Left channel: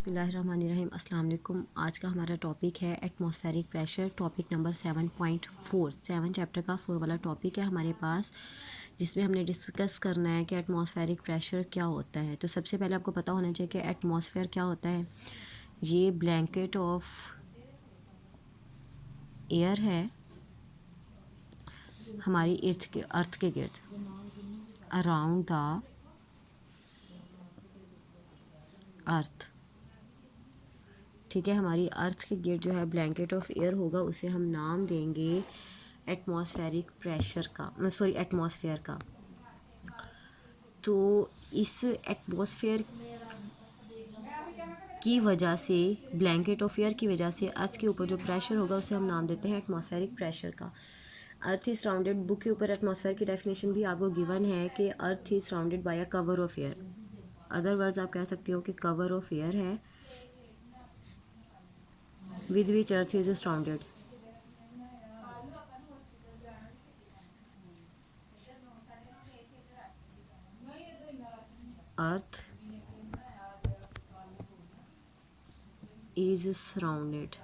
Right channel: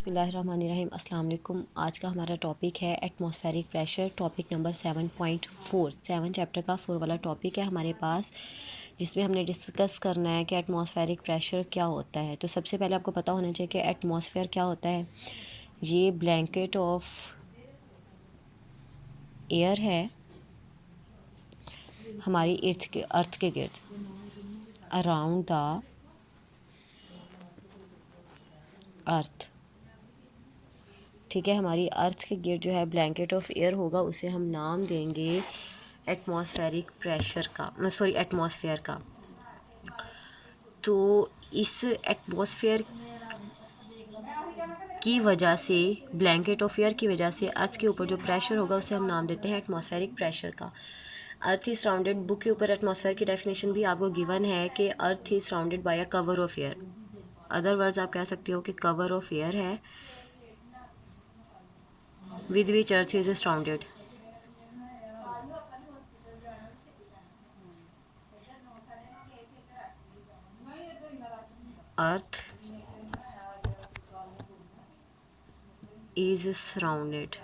बिस्मिल्लाहिर्रहमानिर्रहीम। अस्सलाम वालेकुम। आज का हमारा टॉपिक है atmospheric pressure, topic number 7.4। 7 chapter का 4 वाला टॉपिक है हमारे पास, जिसमें हमने डिस्कस करना है कि एटमॉस्फेरिक प्रेशर क्या होता है। तो सबसे पहले आपको पता होना चाहिए कि एटमॉस्फेयर क्या होता है। ये ब्लैंकेट ऑफ एयर है हमारी अर्थ के गिर्द, अराउंड द अर्थ। ठीक है, हमारी अर्थ के गिर्द जो है ब्लैंकेट ऑफ एयर होगा, उसे हम नाम देंगे एटमॉस्फेरिक प्रेशर का, सॉरी एटमॉस्फेयर का। तो इस एटमॉस्फेयर की वजह से, ब्लैंकेट ऑफ एयर की वजह से अर्थ के ऊपर जो प्रेशर होगा उसे हम नाम देते हैं एटमॉस्फेरिक प्रेशर का। अर्थ इज सराउंडेड, बुक के ऊपर एटमॉस्फेयर की डेफिनेशन भी आपको गिवन है कि earth is surrounded by a cover of air. Other words आप कह सकते हो कि कवर ऑफ एयर है with which earth is surrounded. Earth is surrounded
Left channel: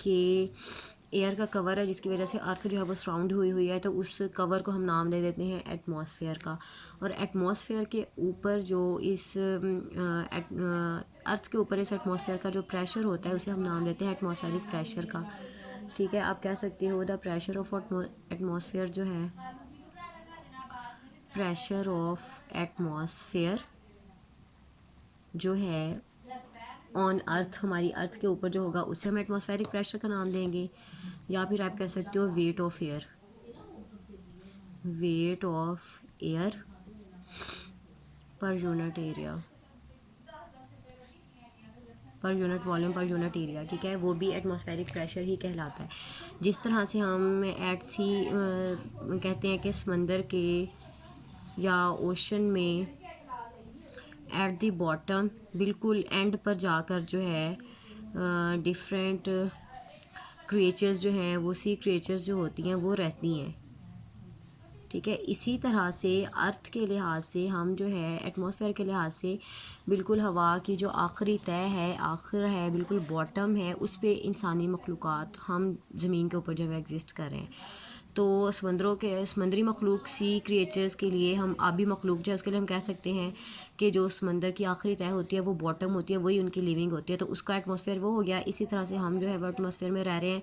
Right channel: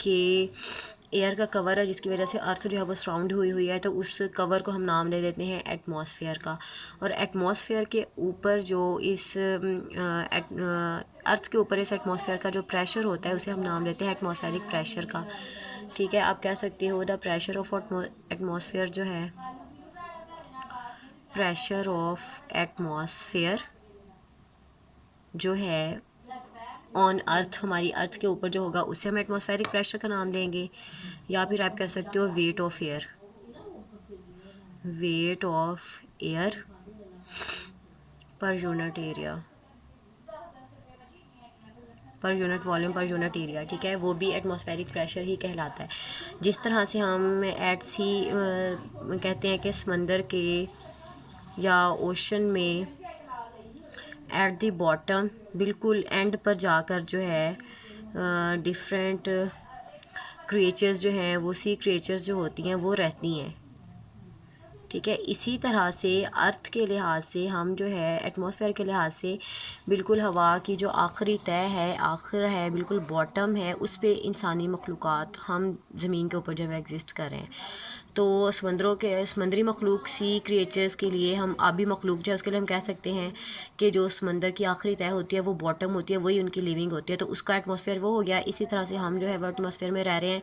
कि एयर का कवर है जिसकी वजह से अर्थ जो है वो सराउंड हुई है, तो उस कवर को हम नाम दे देते हैं एटमॉस्फेयर का। और एटमॉस्फेयर के ऊपर जो इस अर्थ के ऊपर इस एटमॉस्फेयर का जो प्रेशर होता है उसे हम नाम देते हैं एटमॉस्फेरिक प्रेशर का। ठीक है, आप कह सकते हो द प्रेशर ऑफ एटमॉस्फेयर जो है, प्रेशर ऑफ एटमॉस्फेयर जो है ऑन अर्थ, हमारी अर्थ के ऊपर जो होगा उसे हम एटमॉस्फेरिक प्रेशर का नाम देंगे। या फिर आप कह सकते हो weight of air, weight of air per unit area, per unit volume, per unit area. ठीक है, वो भी एटमॉस्फेरिक प्रेशर ही कहलाता है। जिस तरह से हम एट सी कहते हैं कि समंदर के या ओशन में एट द बॉटम, बिल्कुल एंड पर जाकर जो है डिफरेंट क्रिएचर्स जो हैं, वो सी क्रिएचर्स जो होती हैं वो रहती हैं। ठीक है, इसी तरह से अर्थ के लिहाज से हम जो है एटमॉस्फेयर के लिहाज से बिल्कुल हवा की जो आखिरी तय है, आखिर है, बिल्कुल बॉटम है, उस पे इंसानी मखलूक़ात हम ज़मीन के ऊपर जो है एग्जिस्ट कर रहे हैं। तो समंदरों के समंदरी मखलूक, सी क्रिएचर्स के लिए, हम आबी मखलूक जो है उसके लिए हम कह सकते हैं कि जो समंदर की आखिरी तय होती है वो बॉटम होती है, वही उनकी लिविंग होती है, तो उसका एटमॉस्फेयर वो हो गया। इसी तरह से हम जो है वो एटमॉस्फेयर में रह रहे हैं,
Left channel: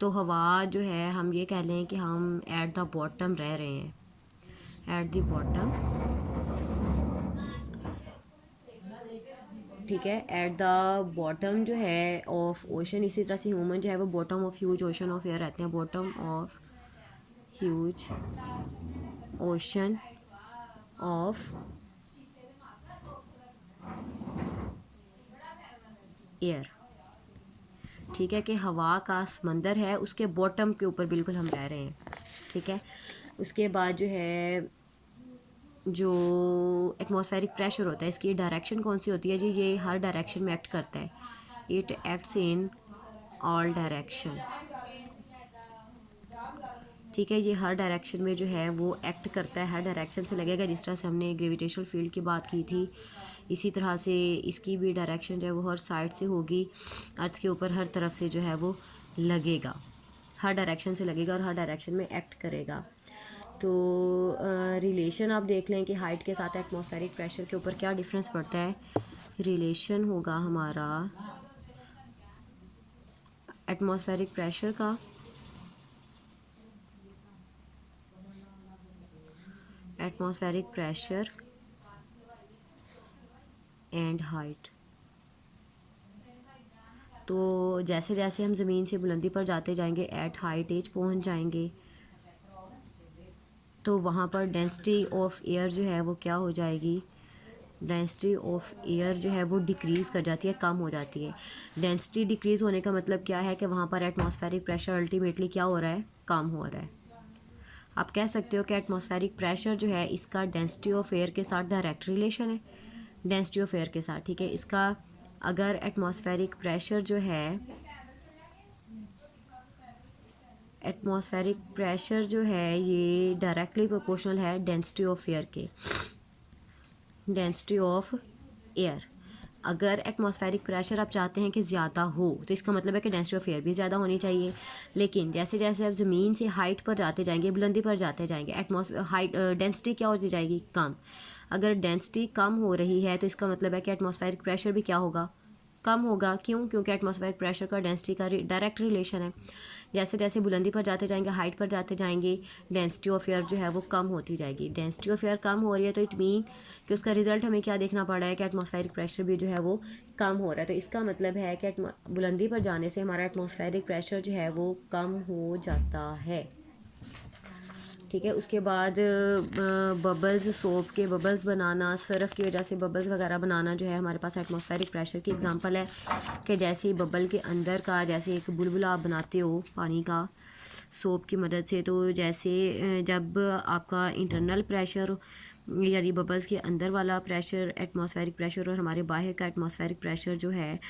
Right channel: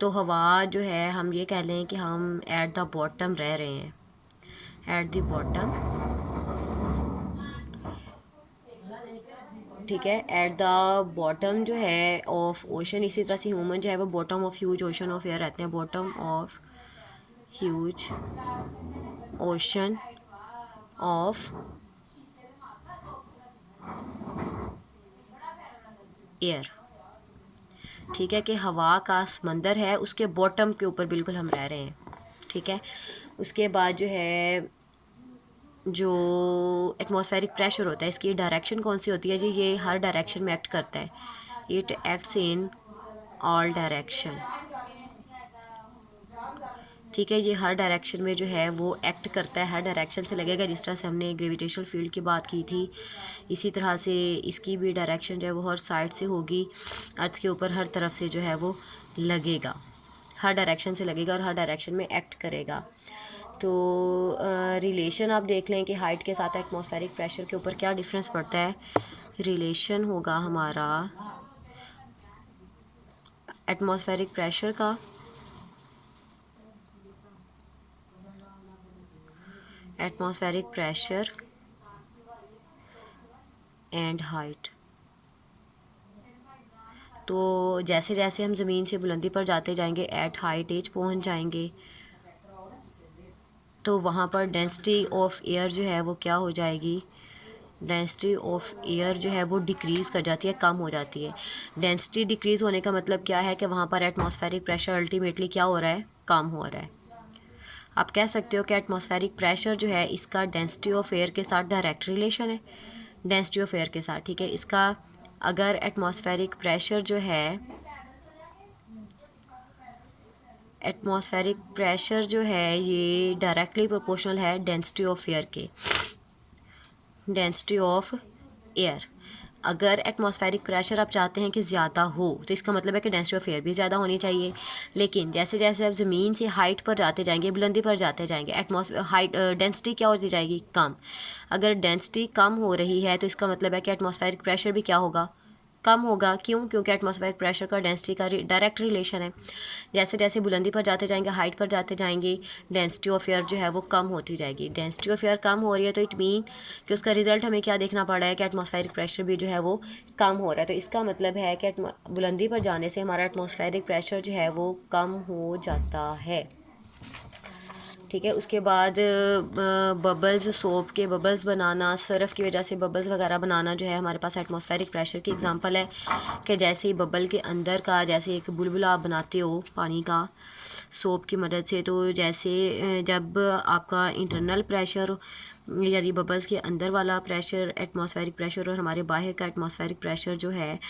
तो हवा जो है हम ये कह लें कि हम एट द बॉटम रह रहे हैं, एट द बॉटम। ठीक है, एट द बॉटम जो है ऑफ ओशन। इसी तरह से ह्यूमन जो है वो bottom of huge ocean of air रहते हैं, bottom of huge ocean of air. ठीक है, कि हवा का समंदर है उसके बॉटम के ऊपर बिल्कुल हम रह रहे हैं। ठीक है, उसके बाद जो है जो एटमॉस्फेरिक प्रेशर होता है, इसकी डायरेक्शन कौन सी होती है जी? ये हर डायरेक्शन में एक्ट करता है, it acts in all direction. ठीक है, ये हर डायरेक्शन में जो है वो एक्ट करता है, हर डायरेक्शन से लगेगा। जिस तरह से हमने ग्रेविटेशनल फील्ड की बात की थी, इसी तरह से इसकी भी डायरेक्शन जो है वो हर साइड से होगी, अर्थ के ऊपर हर तरफ से जो है वो लगेगा, हर डायरेक्शन से लगेगा और हर डायरेक्शन में एक्ट करेगा। तो रिलेशन आप देख लें कि हाइट के साथ एटमॉस्फेरिक प्रेशर के ऊपर क्या डिफरेंस पड़ता है। रिलेशन होगा हमारा एटमॉस्फेरिक प्रेशर का एटमॉस्फेरिक प्रेशर एंड हाइट। तो जैसे जैसे हम ज़मीन से बुलंदी पर जाते जाएंगे, एट हाइट एज पहुंच जाएंगे, तो वहाँ पर डेंसिटी ऑफ एयर जो है वो क्या हो जाएगी, डेंसिटी ऑफ एयर जो है वो डिक्रीज़ कर जाती है, कम हो जाती है। डेंसिटी डिक्रीज़ होने का मतलब क्या है कि वहाँ पर एटमॉस्फेरिक प्रेशर अल्टीमेटली क्या हो रहा है, कम हो रहा है। आप कह सकते हो कि एटमॉस्फेरिक प्रेशर जो है इसका डेंसिटी ऑफ एयर के साथ डायरेक्ट रिलेशन है, डेंसिटी ऑफ एयर के साथ। ठीक है, इसका अगर एटमॉस्फेरिक प्रेशर जो है एटमॉस्फेरिक प्रेशर जो है ये डायरेक्टली प्रोपोर्शनल है डेंसिटी ऑफ एयर के, डेंसिटी ऑफ एयर। अगर एटमॉस्फेरिक प्रेशर आप चाहते हैं कि ज़्यादा हो तो इसका मतलब है कि डेंसिटी ऑफ एयर भी ज़्यादा होनी चाहिए। लेकिन जैसे जैसे आप ज़मीन से हाइट पर जाते जाएंगे, बुलंदी पर जाते जाएंगे, डेंसिटी क्या होती जाएगी, कम। अगर डेंसिटी कम हो रही है तो इसका मतलब है कि एटमॉस्फेरिक प्रेशर भी क्या होगा, कम होगा। क्यों? क्योंकि एटमॉस्फेरिक प्रेशर का डेंसिटी का डायरेक्ट रिलेशन है। जैसे जैसे बुलंदी पर जाते जाएंगे, हाइट पर जाते जाएंगे, डेंसिटी ऑफ एयर जो है वो कम होती जाएगी। डेंसिटी ऑफ एयर कम हो रही है तो इट मीन कि उसका रिजल्ट हमें क्या देखना पड़ रहा है कि एटमॉस्फेरिक प्रेशर भी जो है वो कम हो रहा है। तो इसका मतलब है कि बुलंदी पर जाने से हमारा एटमॉस्फेरिक प्रेशर जो है वो कम हो जाता है। ठीक है। उसके बाद बबल्स, सोप के बबल्स बनाना, सरफ़ की वजह से बबल्स वगैरह बनाना जो है हमारे पास एटमॉस्फेरिक प्रेशर की एग्जांपल है। कि जैसे ही बबल के अंदर का जैसे एक बुलबुला आप बनाते हो पानी का सोप की मदद से, तो जैसे जब आपका इंटरनल प्रेशर यानी बबल्स के अंदर वाला प्रेशर एटमॉस्फेरिक प्रेशर और हमारे बाहर का एटमॉस्फेरिक प्रेशर जो है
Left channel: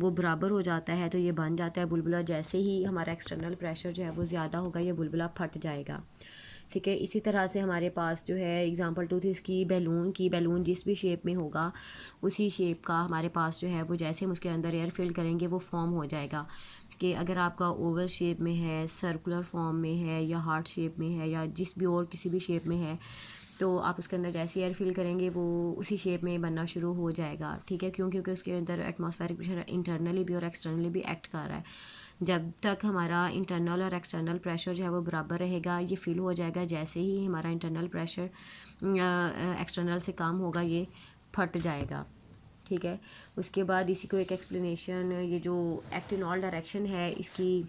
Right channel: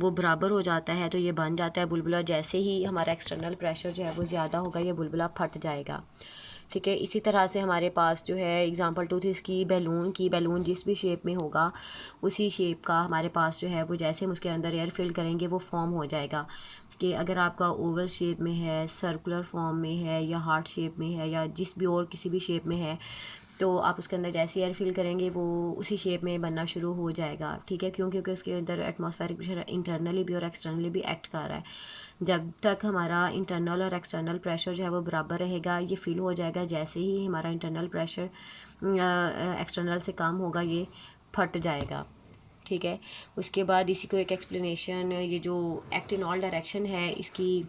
वो बराबर हो जाता है तो ये बन जाता है बुलबुला। जैसे ही हमारा एक्सटर्नल प्रेशर जो है वो ज़्यादा होगा ये बुलबुला फट जाएगा। ठीक है। इसी तरह से हमारे पास जो है एग्जांपल 2 थी इसकी बैलून जिस भी शेप में होगा उसी शेप का हमारे पास जो है वो जैसे हम उसके अंदर एयर फिल करेंगे वो फॉर्म हो जाएगा। कि अगर आपका ओवल शेप में है, सर्कुलर फॉर्म में है या हार्ट शेप में है या जिस भी और किसी भी शेप में है तो आप उसके अंदर जैसे एयर फिल करेंगे वो उसी शेप में बनना शुरू हो जाएगा। ठीक है। क्यों? क्योंकि उसके अंदर एटमॉस्फेरिक प्रेशर इंटरनली भी और एक्सटर्नली भी एक्ट कर रहा है। जब तक हमारा इंटरनल और एक्सटर्नल प्रेशर जो है वो बराबर रहेगा ये फिल हो जाएगा। जैसे ही हमारा इंटरनल प्रेशर एक्सटर्नल से कम होगा ये फट जाएगा। ठीक है। उसके बाद इसी को एक एक्सप्लेनेशन, ये जो एक्ट इन ऑल डायरेक्शन है इसकी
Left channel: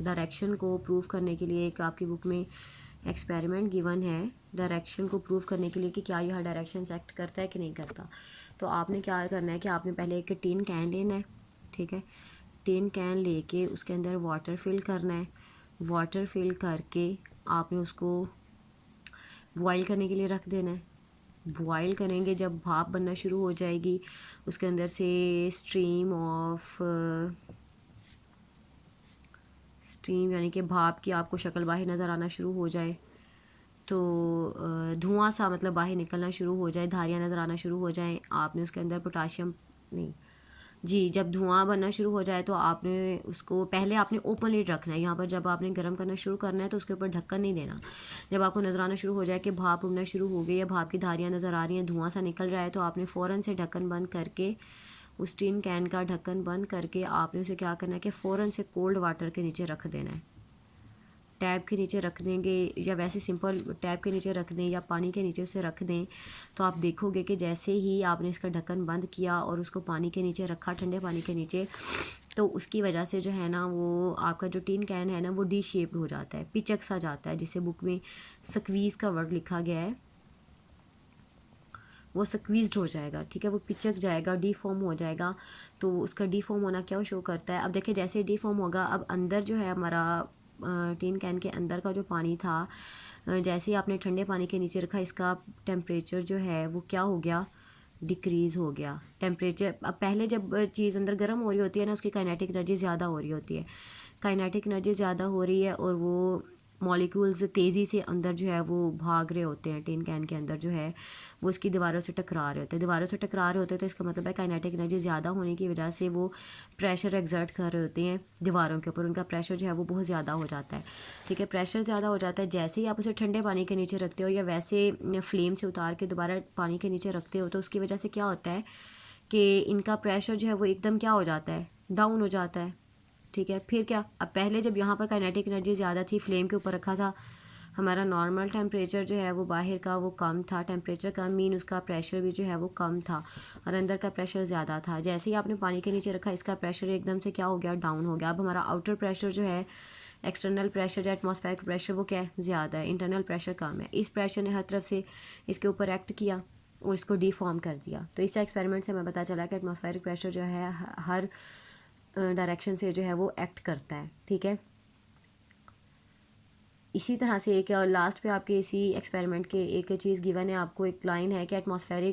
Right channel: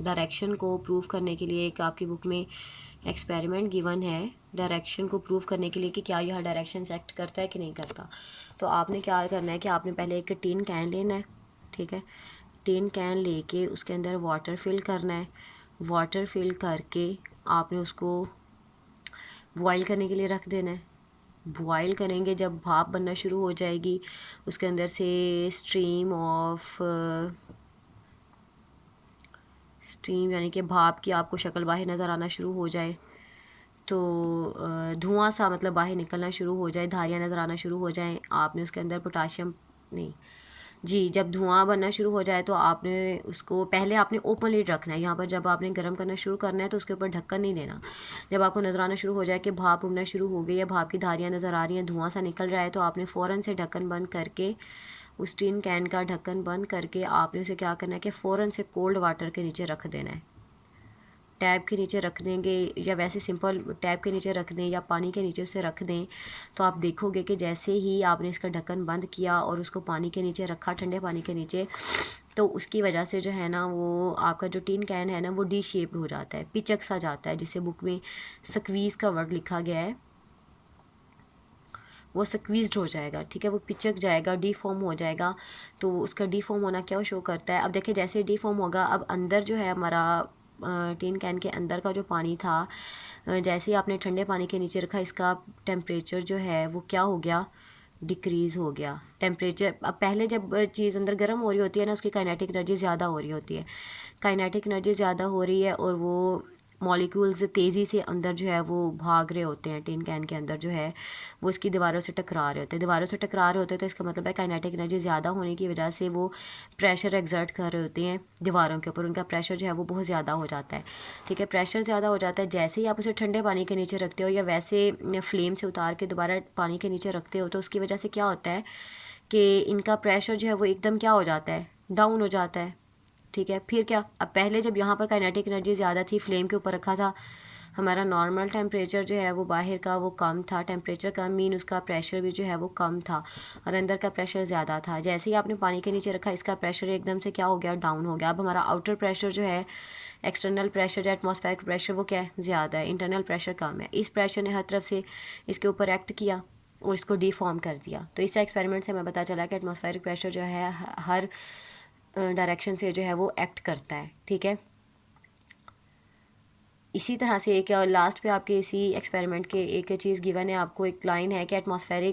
डायरेक्शन को प्रूव करने के लिए एक आपकी बुक में एक्सपेरिमेंट गिवन है डायरेक्शन को प्रूव करने के लिए कि क्या यह डायरेक्शन से एक्ट करता है कि नहीं करता। तो आपने क्या करना है कि आपने पहले एक टिन कैन लेना है। ठीक है। टिन कैन लेके उसके अंदर वाटर फिल करना है। वाटर फिल करके आपने उसको बॉयल करने के लिए रख देना है। बॉयल करेंगे, जब भाप बनना शुरू हो जाएगी उसके अंदर से स्टीम यानी कि भाप की आपको शक्ल बाहर नज़र आना शुरू हो जाए तो धुआं सा मतलब बाहर निकलना शुरू हो जाए, धारियाँ नज़र आना शुरू हो जाएं, आपने उसके अंदर पोटाशियम नहीं जी जब धुआं बनना शुरू हो जाए तो आपने उसको पहले आपने ओपन लिड रखना है। यहाँ पर जब आपने गर्म करना शुरू करना है तो उसके ऊपर ढक्कन नहीं देना। जब आपको नज़र आना शुरू हो जाए कि भाप उड़ना शुरू हो गई है, भाप की धारियाँ नज़र आ रही हैं, धुआं सा निकल रहा है, तो आपने फ़ौरन से ढक्कन बंद करके उस टिन कैन का ढक्कन बंद करके आपने उसे क्या करना है कि फ़ौरन से कोल्ड वाटर के नीचे रख देना है। टैब के नीचे रख देंगे या वैसे सिंपल टैब के नीचे रख दें या पानी के नीचे उसे रख दें तो आप देखोगे कि जैसे ही आपने इसका ढक्कन बंद किया और उसको पानी के नीचे रखा, ठंडे पानी के नीचे, तो उसकी वजह से जो है ना वो आपका जो टिन कैन है ना वो डी शेप्ड हो जाता है, पिचक सा जाता है, जिसे बुक में स्क्वीज़ का वर्ड लिखा गया है, वो स्क्वीज्ड हो जाएगा। ठीक है। वो पिचक जाएगा, डीफॉर्म हो जाएगा। तो उसका डीफॉर्म होना क्या शो करता है, अब देखिए जैसे डीफॉर्म होगा अब अंदर जो है हमारा टिन कैन के अंदर का जो पानी था जैसे ही आपने ठंडे पानी के नीचे रखा इसका टेम्परेचर जो है वो क्या हो गया, डिक्रीज़ हो गया टेम्परेचर। अब पहले जब चीज़ अंदर गर्म हो रही होती है ना उसकी काइनेटिक एनर्जी ज़्यादा हो रही होती है, काइनेटिक एनर्जी ज़्यादा हो रही है और वो मॉलिक्यूल्स तेज़ी से अंदर जो है वो भाग रहे होते हैं, टिन कैन के अंदर जो है वो इसकी दीवारों से टकरा रहे होते हैं, दीवारों से टकरा रहे होते हैं तो इसका मतलब है काइनेटिक एनर्जी ज़्यादा होने की वजह से वो प्रेशर एक्सर्ट कर रहे होते हैं दीवारों के ऊपर, उनका प्रेशर जो है वो बहुत ज़्यादा हो जाता है। ठीक है। प्रेशर ज़्यादा हो जाता है, जैसे ही आप उसे ठंडे पानी के नीचे रखते हो या वैसे फ्लेम से उतार के दोबारा पानी के नीचे रखते हो तो उसकी वजह से क्या होता है कि इनका प्रेशर जो है वो एकदम क्या हो जाता है, डाउन हो जाता है। ठीक है। फिर क्या, अब पहले जब यहाँ पर काइनेटिक एनर्जी ज़्यादा थी, फ्लेम के ऊपर रखा था, हमारा नॉर्मल टेम्परेचर जो है वो बाहर का वो कम था, टेम्परेचर कम मीन उसका प्रेशर भी जो है वो कम था और अंदर का प्रेशर ज़्यादा था। जैसे ही आपने पानी के नीचे रखा इसका प्रेशर एकदम से क्या हो गया, डाउन हो गया। अब हमारा आउटर प्रेशर जो है एक्सटर्नल प्रेशर या एटमॉस्फेरिक प्रेशर वो क्या है, ज़्यादा है, इंटरनल प्रेशर कम है। इस प्रेशर ने हर तरफ से इसके ऊपर एक्ट किया और इसको डीफॉर्म कर दिया। तो इस एक्सपेरिमेंट से हमें पता चला कि एटमॉस्फेरिक प्रेशर जो है हर डायरेक्शन से जो है वो एक्ट करता है। ठीक है। इसी तरह से एक लास्ट पे आपके इसी एक्सपेरिमेंट के एक चीज़ गिवन है, आपको एक लाइन है कि atmosphere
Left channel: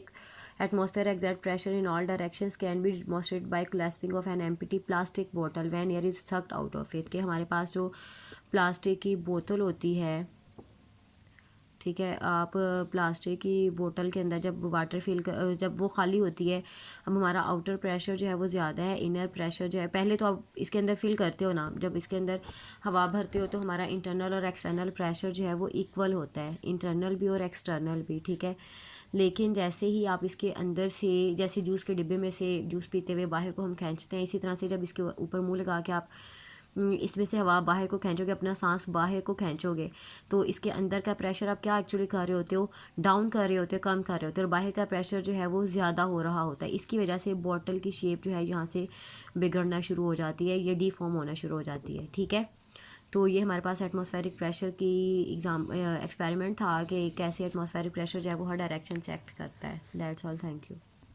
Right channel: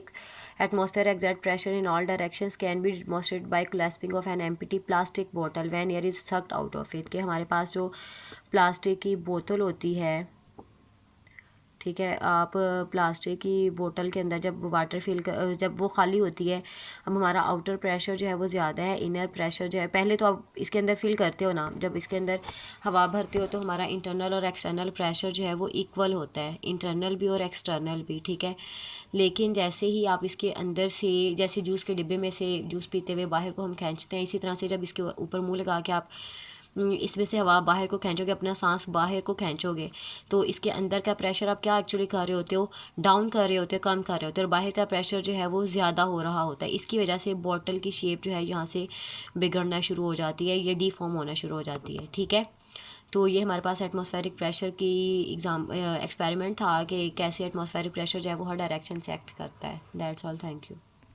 exert pressure in all directions can be demonstrated by clasping of an empty plastic bottle when air is sucked out of it. कि हमारे पास जो प्लास्टिक की बोतल होती है, ठीक है, आप प्लास्टिक की बोतल के अंदर जब वाटर जब वो खाली होती है, अब हमारा आउटर प्रेशर जो है वो ज़्यादा है, इनर प्रेशर जो है, पहले तो आप इसके अंदर फिल करते हो ना, जब इसके अंदर हवा भरते हो तो हमारा इंटरनल और एक्सटर्नल प्रेशर जो है वो इक्वल होता है, इंटरनल भी और एक्सटर्नल भी, ठीक है। लेकिन जैसे ही आप इसके अंदर से, जैसे जूस के डिब्बे में से जूस पीते हुए बाहर को हम खींचते हैं, इसी तरह से जब इसके ऊपर मुंह लगा के आप इसमें से हवा बाहर को खींचोगे, अपना सांस बाहर को खींचोगे, तो इसके अंदर का प्रेशर आप क्या एक्चुअली कर रहे होते हो, डाउन कर रहे होते हो, कम कर रहे होते हो, और बाहर का प्रेशर जो है वो ज़्यादा हो रहा होता है। इसकी वजह से बॉटल की शेप जो है यहाँ से बिगड़ना शुरू हो जाती है, ये डीफॉर्म होना शुरू हो जाती है, ठीक है। तो ये हमारे पास एटमॉस्फेरिक प्रेशर की एक्सपेरिमेंट था कि कैसे एटमॉस्फेरिक प्रेशर जो है वो हर डायरेक्शन से एक्ट करता है। That's all, thank you.